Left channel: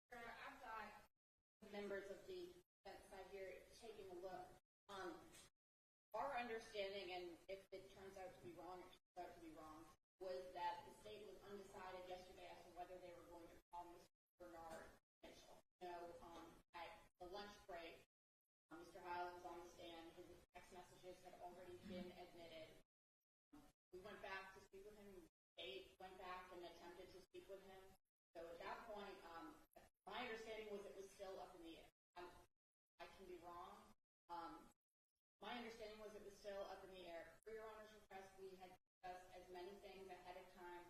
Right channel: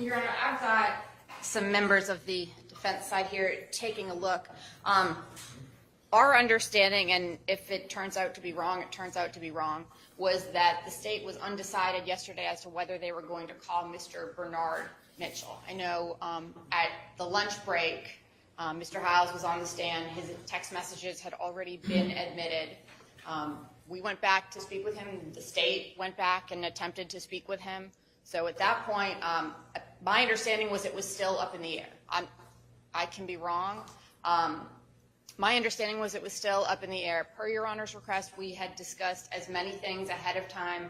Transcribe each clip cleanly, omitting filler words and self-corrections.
Your Honor, I've got some members of the defense side here taking a look. Our understanding, and if it turns out to be wrong, it turns out to be wrong, was that the state was undecided yesterday as to whether they were going to call Mr. Bernard Mitchell. I know at the lunch break, Mr. Hiles was on the stand. His text messages had already been admitted. We went back to speak with him. The state went back and attempted to speak with him. So at that point, my understanding was it was still up in the air. I can be wrong. My understanding was it was still up in the air. Per Your Honor's request, we had discussed as many things ahead of time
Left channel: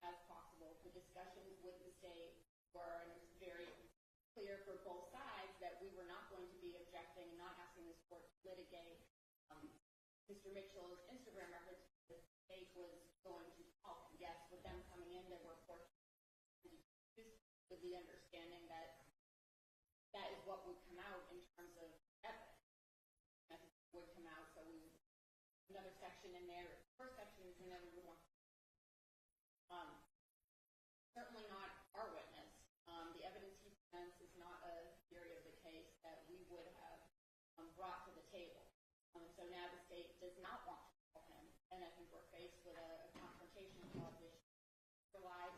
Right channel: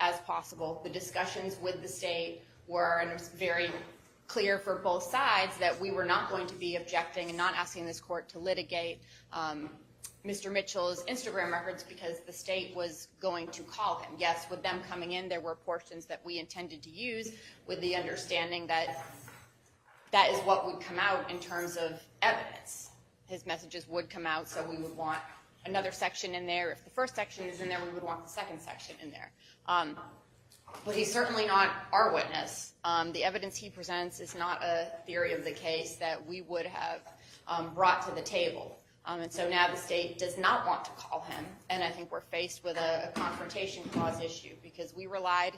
as possible. The discussions with the state were, and it was very clear for both sides, that we were not going to be objecting and not asking this court to litigate Mr. Mitchell's Instagram records because the state was going to call him. Yes, with them coming in, there were portions that we intended to use with the understanding that that is what would come out in terms of evidence. His messages would come out, so we would want another section in there. If the first section is in there, we would want the second section in there. But he's certainly not our witness. The evidence he presents is not a theory of the case that we would have brought to the table. And so now the state does not want to call him, and I think we're faced with a confrontation clause issue because we relied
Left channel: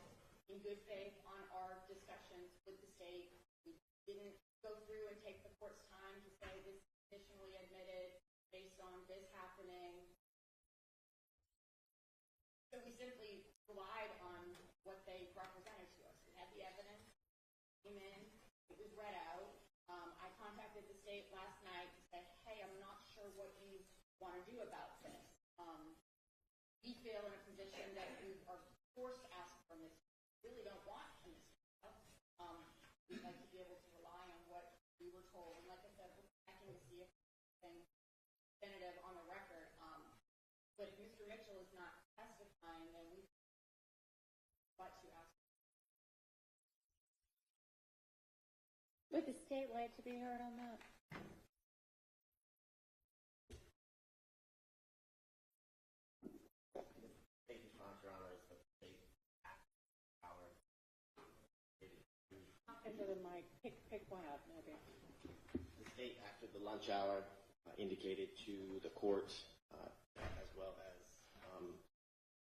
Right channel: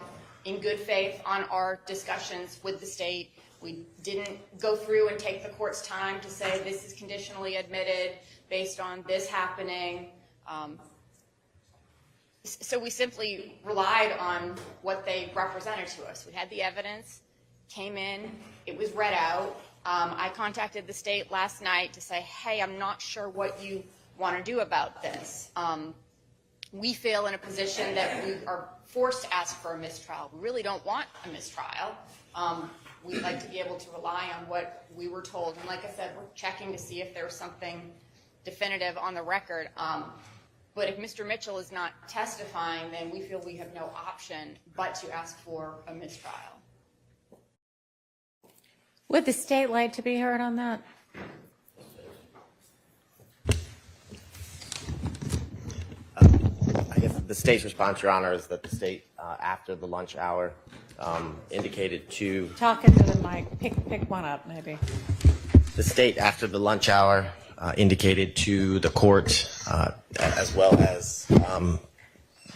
in good faith on our discussions with the state. We didn't go through and take the court's time to say this is conditionally admitted based on this happening. So we simply relied on what they represented to us. We had the evidence, came in, it was read out. I contacted the state last night to say, hey, I'm not sure what you want to do about this. We feel in a position that we are forced to ask for a mistrial. We really don't want a mistrial. We'd like to be able to rely on what we were told. And like I said, we're checking to see if there was something definitive on the record. But if Mr. Mitchell is not testifying, then we feel we have no option but to ask for a mistrial. Would the state like to be heard on that? I guess the state's response, Your Honor, is that the state, after the lunch hour, indicated to... Talk into the mic. Pick one up, maybe. The state, after the lunch hour, indicated to the court, as well as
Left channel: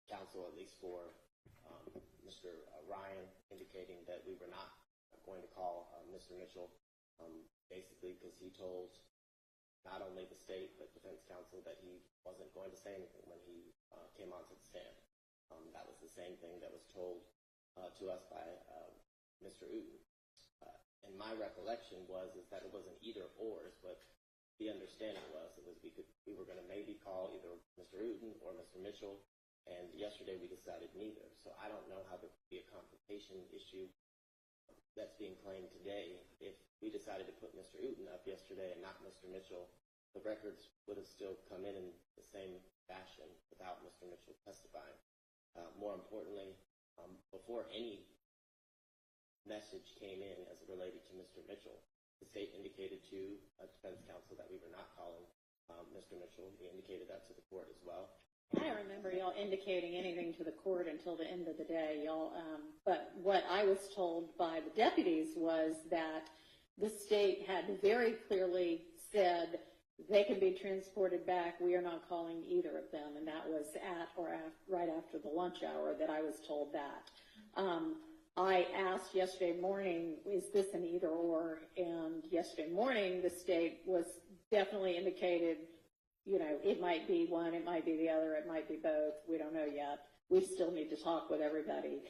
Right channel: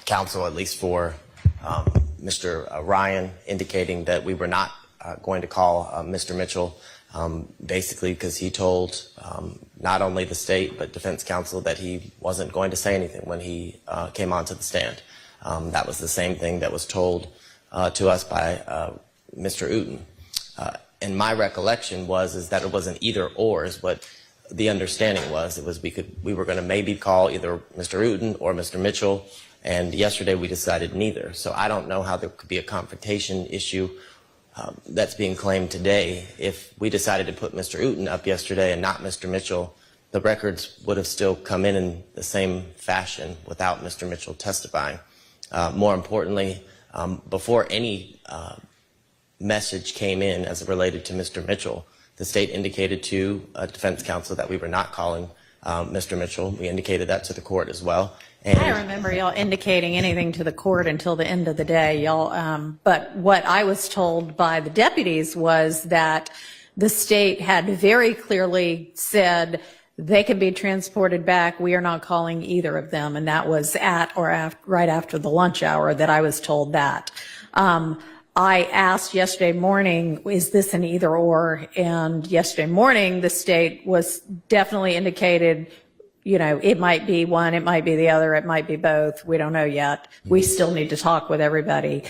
counsel, at least for Mr. Ryan, indicating that we were not going to call Mr. Mitchell, basically because he told not only the state but defense counsel that he wasn't going to say anything when he came onto the stand. That was the same thing that was told to us by Mr. Uten. And my recollection is that it wasn't either or is what the understanding was. It was we were going to maybe call either Mr. Uten or Mr. Mitchell, and yesterday we decided neither. So I don't know how there could be a confrontation issue that's being claimed today. If we decided to put Mr. Uten up yesterday and not Mr. Mitchell, the records would have still come in the same fashion without Mr. Mitchell testifying. More importantly, before any message came in as it related to Mr. Mitchell, the state indicated to defense counsel that we were not calling Mr. Mitchell. We indicated that to the court as well. And I don't remember y'all indicating anything to the court until the end of the day, y'all. But what I was told by the deputies was that the state had very clearly said they can be transported back. We are not calling either of them, and that was at or right after the lunch hour that I was told that. I asked yesterday morning, is this an either or? And yesterday morning, the state was definitely indicated, you know, it might be one, it might be the other, it might be both. We don't know yet. We still need to talk with everybody.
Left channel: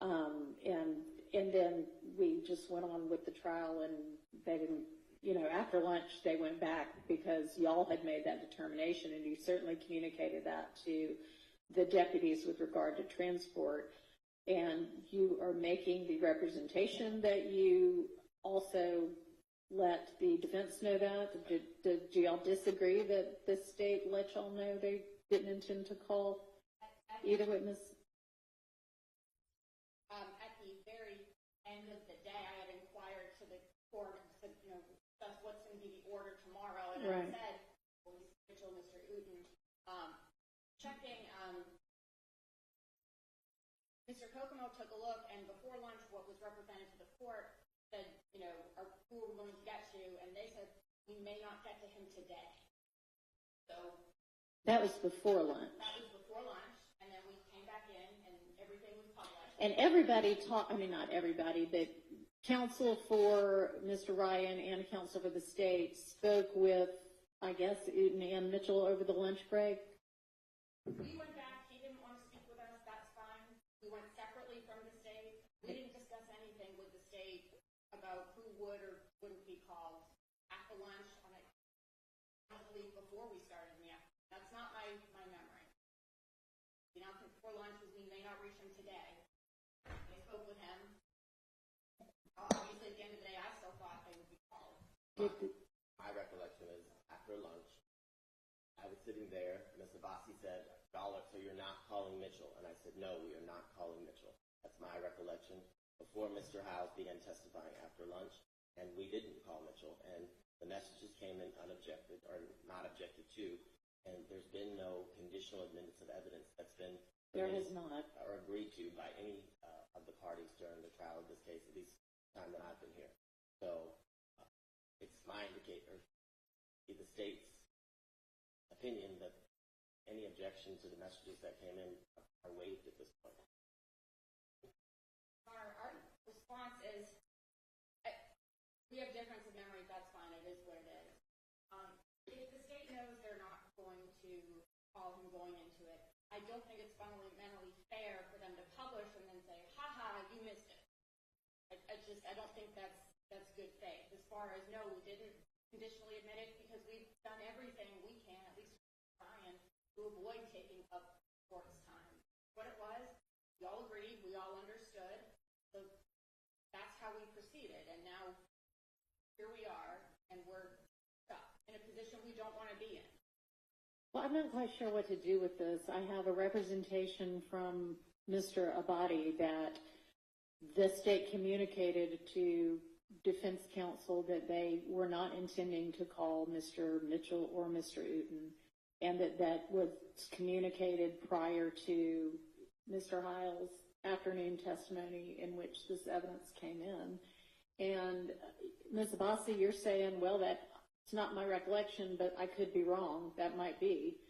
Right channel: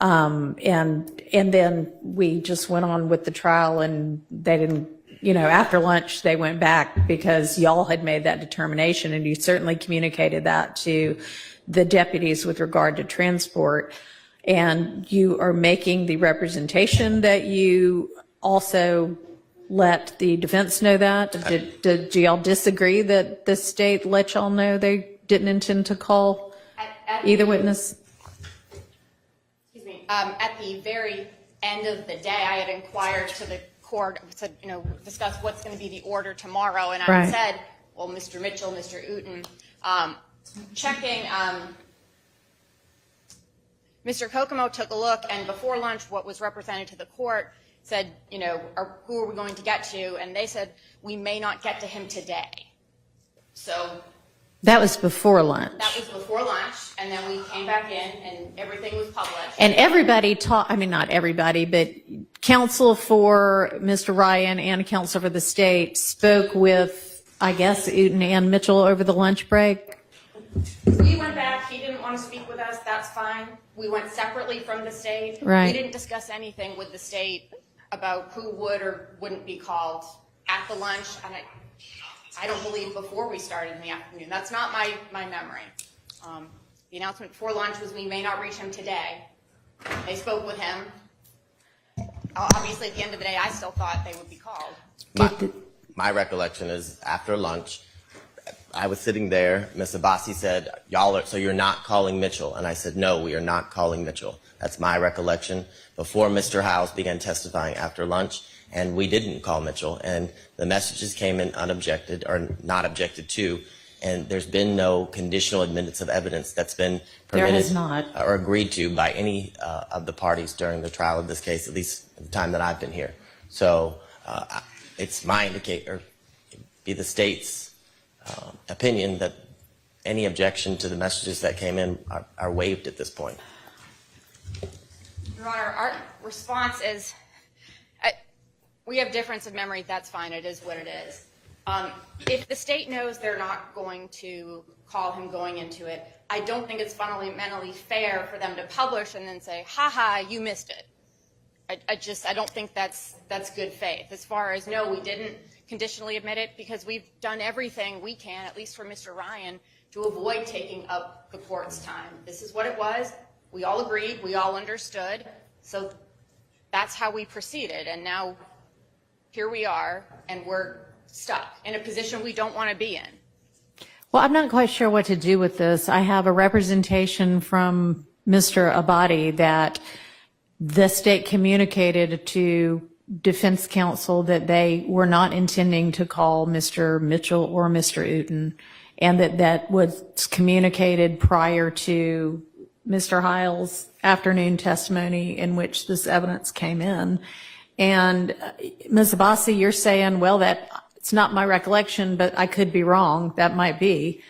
And then we just went on with the trial, and they didn't, you know, after lunch, they went back because y'all had made that determination, and you certainly communicated that to the deputies with regard to transport. And you are making the representation that you also let the defense know that? Do y'all disagree that the state let y'all know they didn't intend to call either witness? Excuse me. At the very end of the day, I had inquired to the court, said, you know, discuss what's going to be the order tomorrow, and I said, well, Mr. Mitchell, Mr. Uten, checking. Mr. Kokomo took a look, and before lunch, what was represented to the court said, you know, who are we going to get to? And they said, we may not get to him today. So That was before lunch. that was before lunch, and then we came back in, and everything was published. And everybody I mean, not everybody, but counsel for Mr. Ryan and counsel for the state spoke with, I guess, Uten and Mitchell over the lunch break. We went back. He didn't want to speak with us. That's fine. We went separately from the state. Right. We didn't discuss anything with the state about who would or wouldn't be called at the lunch. And I don't believe before we started in the afternoon. That's not my memory. The announcement before lunch was we may not reach him today. They spoke with him. Obviously, at the end of the day, I still thought they would be called. My recollection is after lunch, I was sitting there. Ms. Abbasi said, so you're not calling Mitchell? And I said, no, we are not calling Mitchell. That's my recollection. Before Mr. Howes began testifying after lunch, and we didn't call Mitchell. And the messages came in unobjected, or not objected to, and there's been no conditional admittance of evidence that's been permitted There has not. or agreed to by any of the parties during the trial of this case, at least at the time that I've been here. So it's my be the state's opinion that any objection to the messages that came in are waived at this point. Your Honor, our response is, we have difference of memory. That's fine. It is what it is. If the state knows they're not going to call him going into it, I don't think it's fundamentally fair for them to publish and then say, ha, you missed it. I don't think that's good faith. As far as, no, we didn't conditionally admit it, because we've done everything we can, at least for Mr. Ryan, to avoid taking up the court's time. This is what it was. We all agreed. We all understood. So that's how we proceeded. And now here we are, and we're stuck in a position we don't want to be in. Well, I'm not quite sure what to do with this. I have a representation from Mr. Abbate that the state communicated to defense counsel that they were not intending to call Mr. Mitchell or Mr. Uten, and that was communicated prior to Mr. Hiles' afternoon testimony in which this evidence came in. And Ms. Abbasi, you're saying, well, it's not my recollection, but I could be wrong. That might be.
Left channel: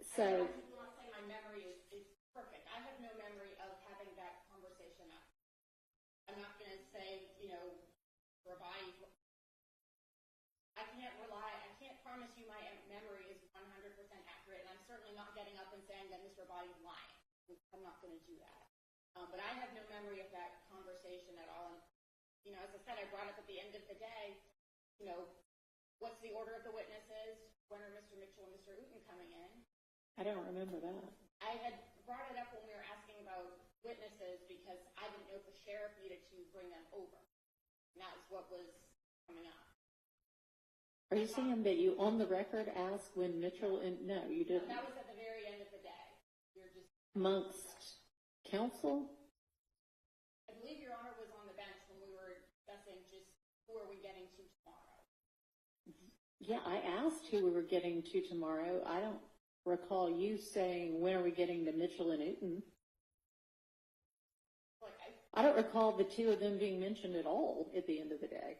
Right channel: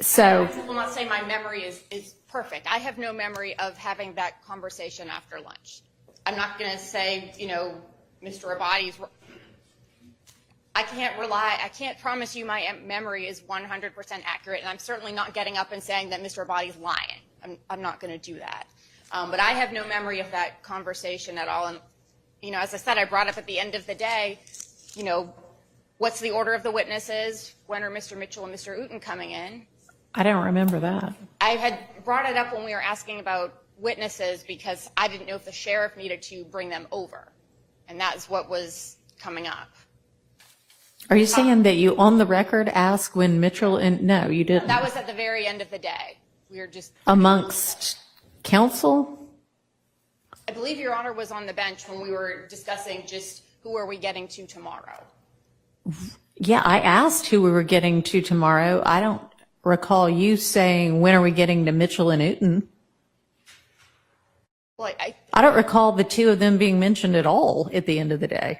So I will not say my memory is perfect. I have no memory of having that conversation after lunch. I'm not going to say, Mr. Abbate's. I can't promise you my memory is 100% accurate, and I'm certainly not getting up and saying that Mr. Abbate's lying. I'm not going to do that. But I have no memory of that conversation at all. And, as I said, I brought up at the end of the day, what's the order of the witnesses? When are Mr. Mitchell and Mr. Uten coming in? I don't remember that. I had brought it up when we were asking about witnesses because I didn't know if the sheriff needed to bring them over. And that's what was coming up. Are you saying that you, on the record, asked when Mitchell and no, you didn't? That was at the very end of the day. We were just Amongst counsel? I believe Your Honor was on the bench when we were discussing just who are we getting to tomorrow. Yeah, I asked who we were getting to tomorrow. I don't recall you saying, when are we getting to Mitchell and Uten? Well, I don't recall the two of them being mentioned at all at the end of the day.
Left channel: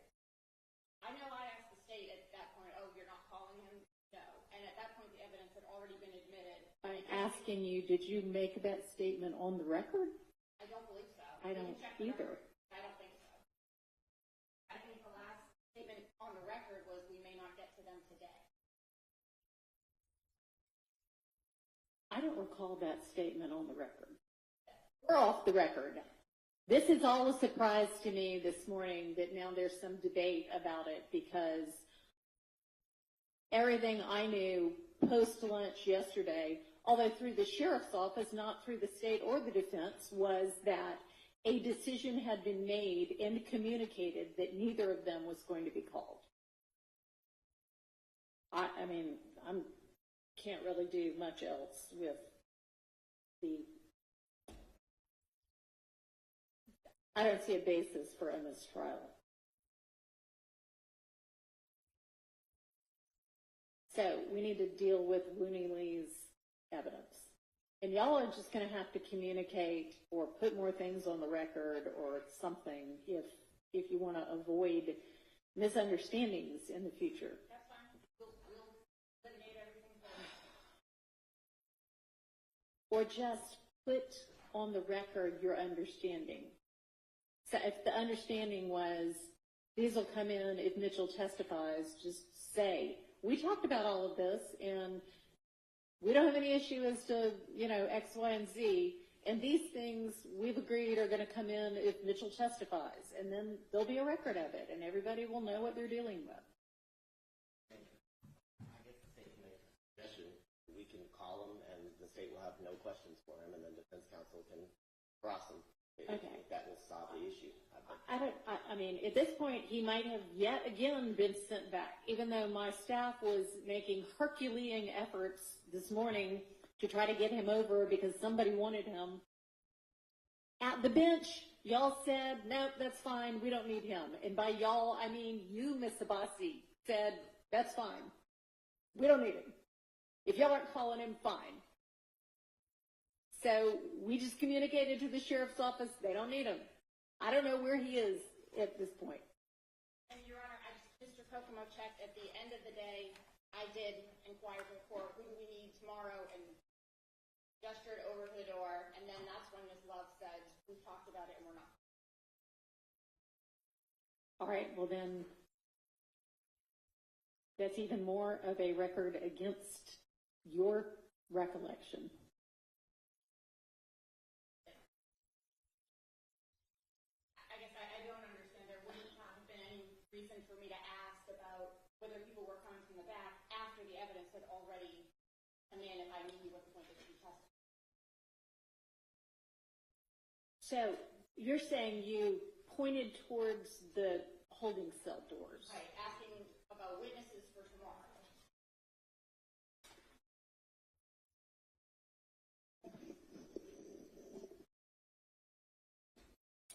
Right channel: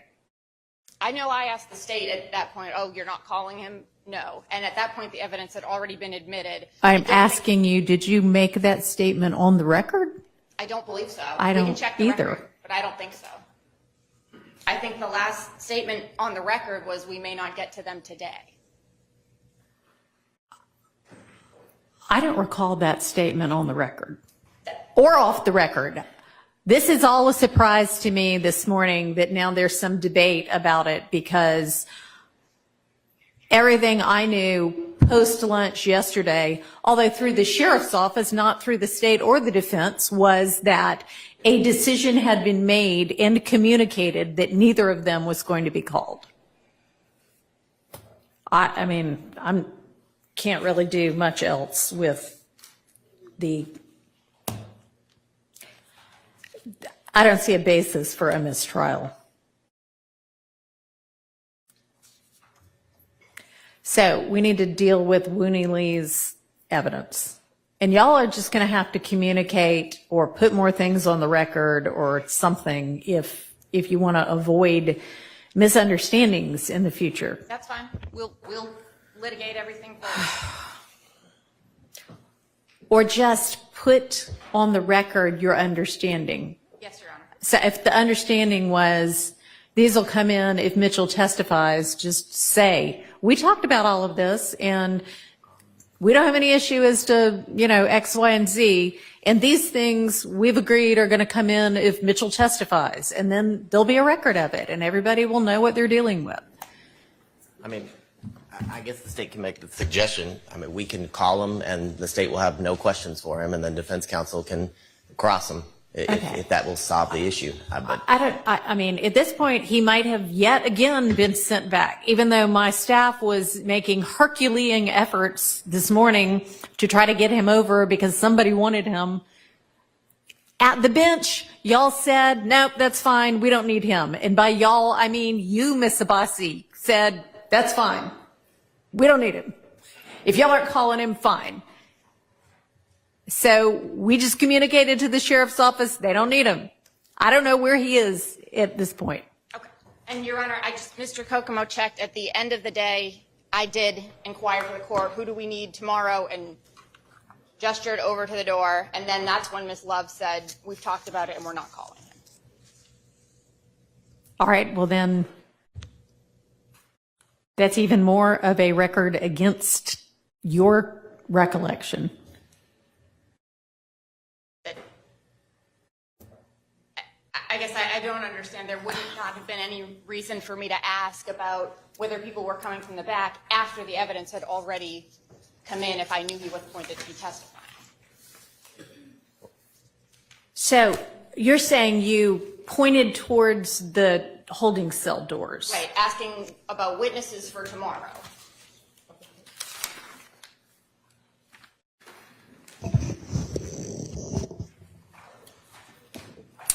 I know I asked the state at that point, oh, you're not calling him? No. And at that point, the evidence had already been admitted. I'm asking you, did you make that statement on the record? I don't believe so. I We can don't check the either. record, but I don't think so. I think the last statement on the record was we may not get to them today. I don't recall that statement on the record or off the record. This is all a surprise to me this morning that now there's some debate about it, because everything I knew post-lunch yesterday, although through the sheriff's office, not through the state or the defense, was that a decision had been made and communicated that neither of them was going to be called. I mean, I can't really do much else with the... I don't see a basis for a mistrial. So we need to deal with Wooney Lee's evidence. And y'all are just going to have to communicate or put more things on the record or something if you want to avoid misunderstandings in the future. That's fine. We'll litigate everything forward. Or just put on the record your understanding. Yes, Your Honor. So if the understanding was these will come in if Mitchell testifies, just say, we talked about all of this and we don't have any issue as to, X, Y, and Z. And these things we've agreed are going to come in if Mitchell testifies. And then there'll be a record of it and everybody will know what they're dealing with. I mean, I guess the state can make the suggestion. I mean, we can call him and the state will have no questions for him and then defense counsel can cross him if that will solve the issue. I mean, at this point, he might have yet again been sent back, even though my staff was making Herculean efforts this morning to try to get him over because somebody wanted him. At the bench, y'all said, nope, that's fine. We don't need him. And by y'all, I mean you, Miss Abbasi, said, that's fine. We don't need him. If y'all aren't calling him, fine. So we just communicated to the sheriff's office, they don't need him. I don't know where he is at this point. Okay. And Your Honor, Mr. Kokomo checked at the end of the day. I did inquire for the court, who do we need tomorrow, and gestured over to the door. And then that's when Ms. Love said, we've talked about it and we're not calling him. All right, well then, that's even more of a record against your recollection. I guess I don't understand. There would not have been any reason for me to ask about whether people were coming from the back after the evidence had already come in if I knew he was appointed to be testifying. So you're saying you pointed towards the holding cell doors? Right, asking about witnesses for tomorrow.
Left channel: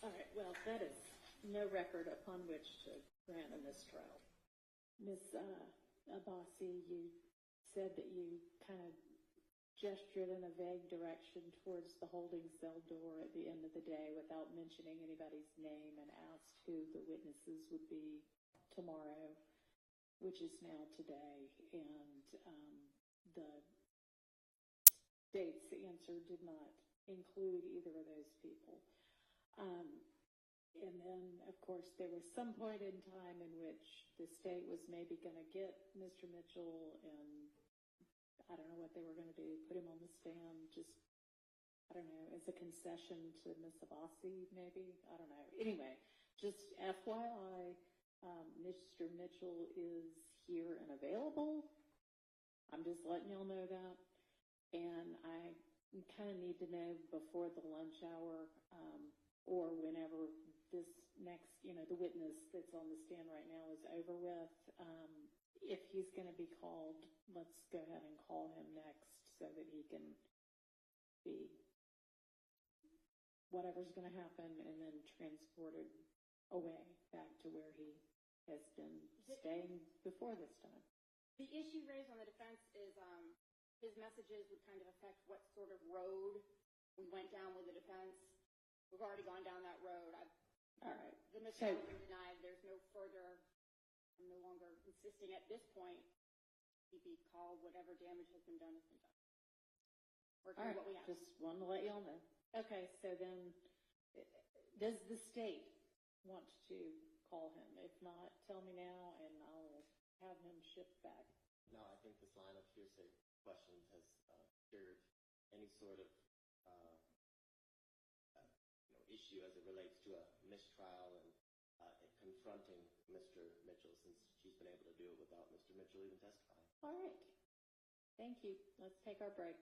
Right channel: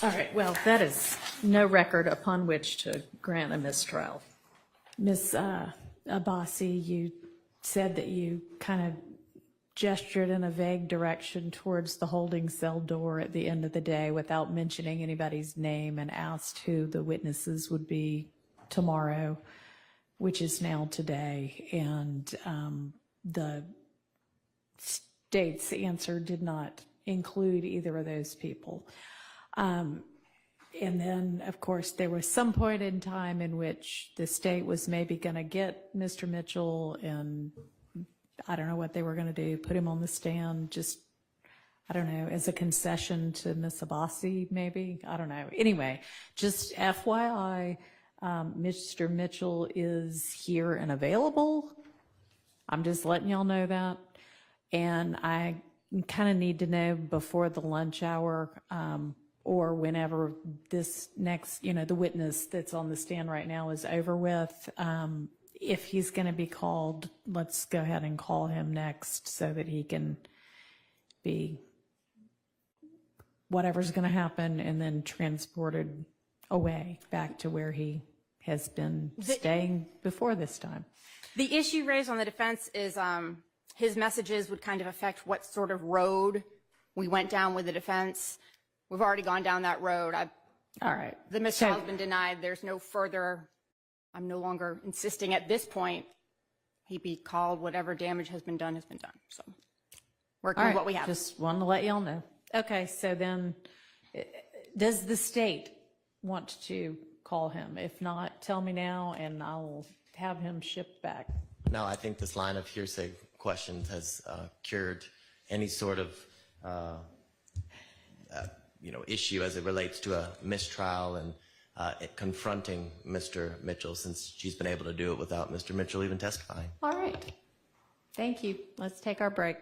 All right, well, that is no record upon which to grant a mistrial. Ms. Abbasi, you said that you kind of gestured in a vague direction towards the holding cell door at the end of the day without mentioning anybody's name and asked who the witnesses would be tomorrow, which is now today. And the state's answer did not include either of those people. And then, of course, there was some point in time in which the state was maybe going to get Mr. Mitchell and I don't know what they were going to do, put him on the stand, just, I don't know, as a concession to Ms. Abbasi, maybe? I don't know. Anyway, just FYI, Mr. Mitchell is here and available. I'm just letting y'all know that. And I kind of need to know before the lunch hour, or whenever this next, the witness that's on the stand right now is over with, if he's going to be called, let's go ahead and call him next so that he can be whatever's going to happen and then transported away back to where he has been staying before this time. The issue raised on the defense is his messages would kind of affect what sort of road we went down with the defense. We've already gone down that road. All right. The mistrial has been denied. There's no further, I'm no longer insisting at this point he be called. Whatever damage has been done. So working with what we have. Just wanted to let y'all know. Okay, so then does the state want to call him? If not, tell me now and I'll have him shipped back. No, I think this line of hearsay questions has cured any sort of issue as it relates to a mistrial and confronting Mr. Mitchell, since she's been able to do it without Mr. Mitchell even testifying. All right. Thank you. Let's take our break.